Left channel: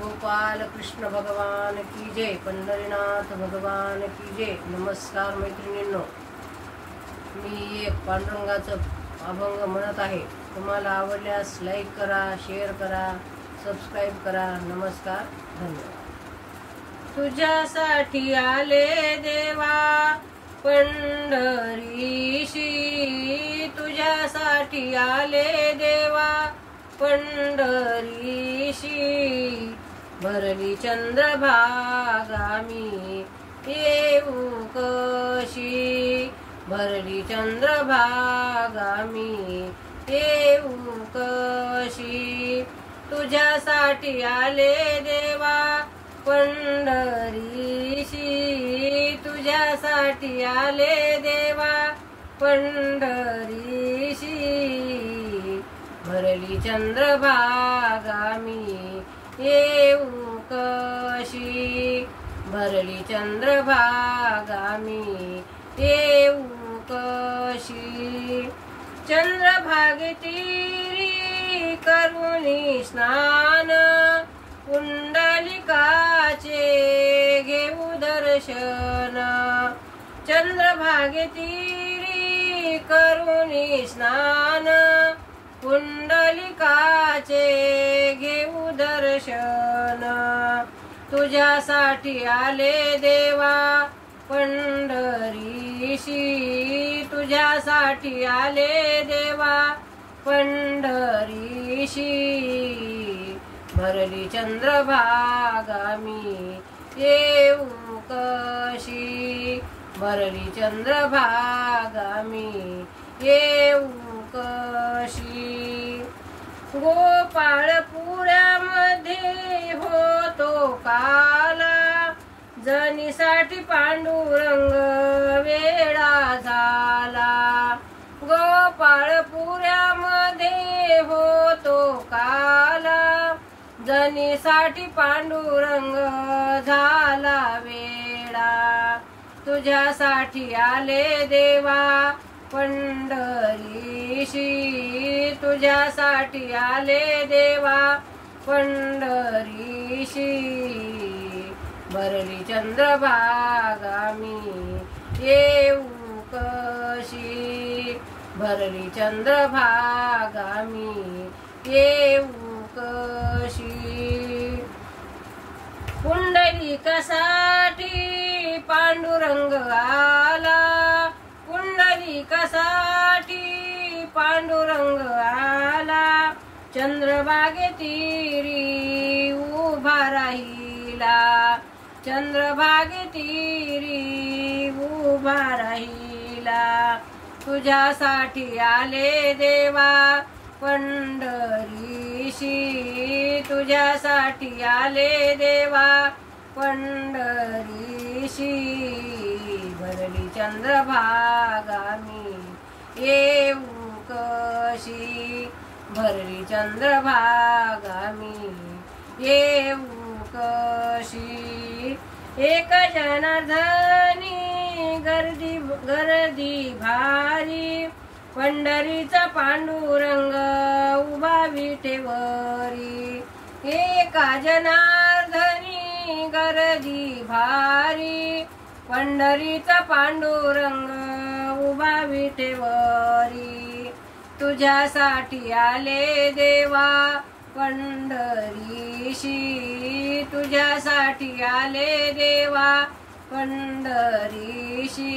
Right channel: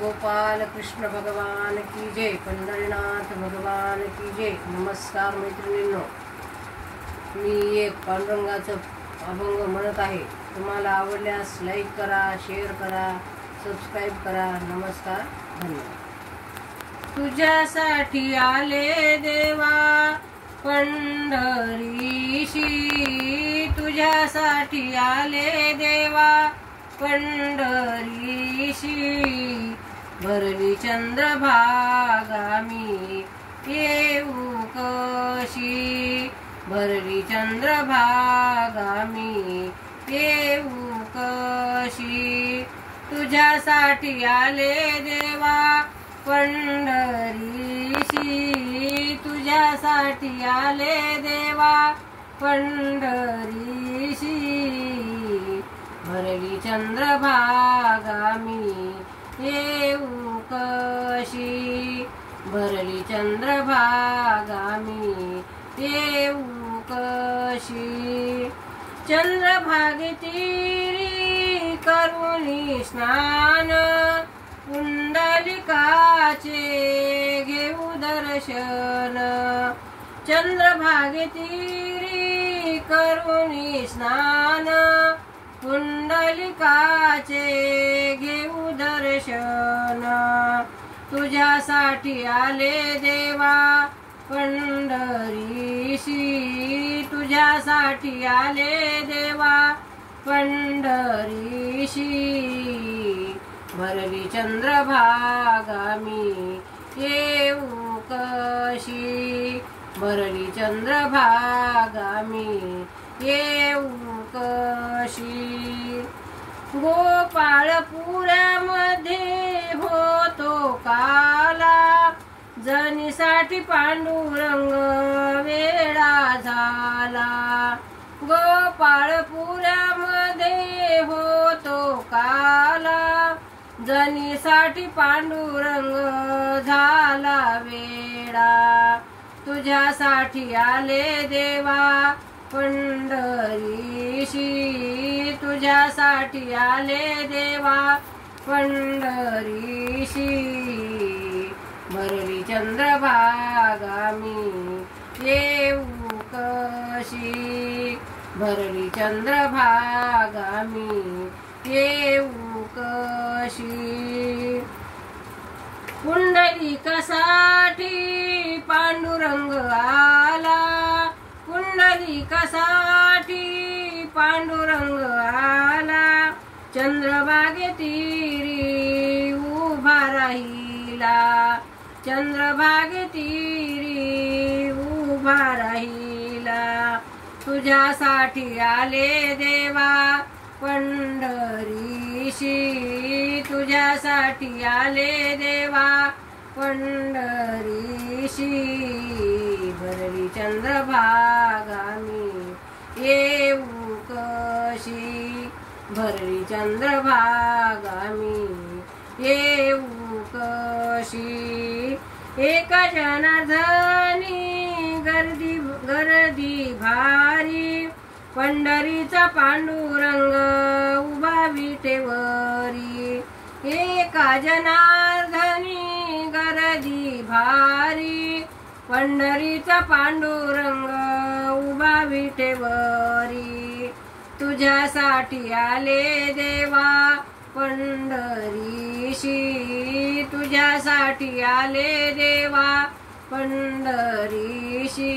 गोपाल कृष्ण भगवान की जय, पंढरीनाथ भगवान की जय। नमस्कार मैत्रिणींनो, मी एक पांडुरंगाचं अभंग म्हणत आहे। तुम्हाला आवडल्यास लाईक करा, शेअर करा, सबस्क्राईब करा। नमस्कार, धन्यवाद। तुझ्यासाठी आले देवा पंढरीशी, तुझ्यासाठी आले देवा पंढरीशी। भरली चंद्रभागा मी येऊ कशी, भरली चंद्रभागा मी येऊ कशी। तुझ्यासाठी आले देवा पंढरीशी, तुझ्यासाठी आले देवा पंढरीशी। भरली चंद्रभागा मी येऊ कशी, भरली चंद्रभागा मी येऊ कशी। चंद्रभागे तीरी करुणी स्नान, पुंडलिकाचे घेऊ दर्शन। चंद्रभागे तीरी करुणी स्नान, पुंडलिकाचे घेऊ दर्शन। तुझ्यासाठी आले देवा पंढरीशी, तुझ्यासाठी आले देवा पंढरीशी। भरली चंद्रभागा मी येऊ कशी, भरली चंद्रभागा मी येऊ कशी। गोपाळपुऱ्यामध्ये होतो काला, जनीसाठी पांडुरंग वेडा झाला। गोपाळपुऱ्यामध्ये होतो काला, जनीसाठी पांडुरंग झाला वेडा। तुझ्यासाठी आले देवा पंढरीशी, तुझ्यासाठी आले देवा पंढरीशी। भरली चंद्रभागा मी येऊ कशी, भरली चंद्रभागा मी येऊ कशी। पुंडलिकासाठी पांडुरंग आला, पुंडलिकासाठी पांडुरंग आला। चंद्रभागे तीरी उभा राहिला, चंद्रभागे तीरी उभा राहिला। तुझ्यासाठी आले देवा पंढरीशी, तुझ्यासाठी आले देवा पंढरीशी। भरली चंद्रभागा मी येऊ कशी, भरली चंद्रभागा मी येऊ कशी। एक जनार्दनी गर्दी भारी, पंढरीचा पांडुरंग उभा विटेवरी। एका जनार्दनी गर्दी भारी, पंढरीचा पांडुरंग उभा विटेवरी। तुझ्यासाठी आले देवा पंढरीशी, तुझ्यासाठी आले देवा पंढरीशी।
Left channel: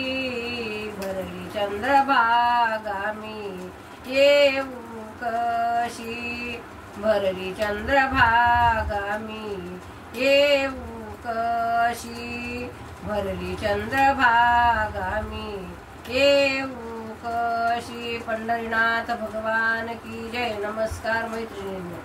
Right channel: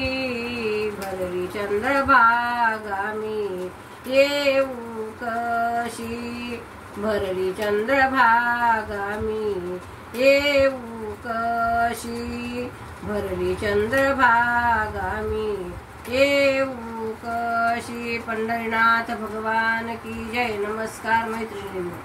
भरली चंद्रभागा मी येऊ कशी, भरली चंद्रभागा मी येऊ कशी। भरली चंद्रभागा मी येऊ कशी। पंढरीनाथ भगवान की जय। नमस्कार मैत्रिणींनो।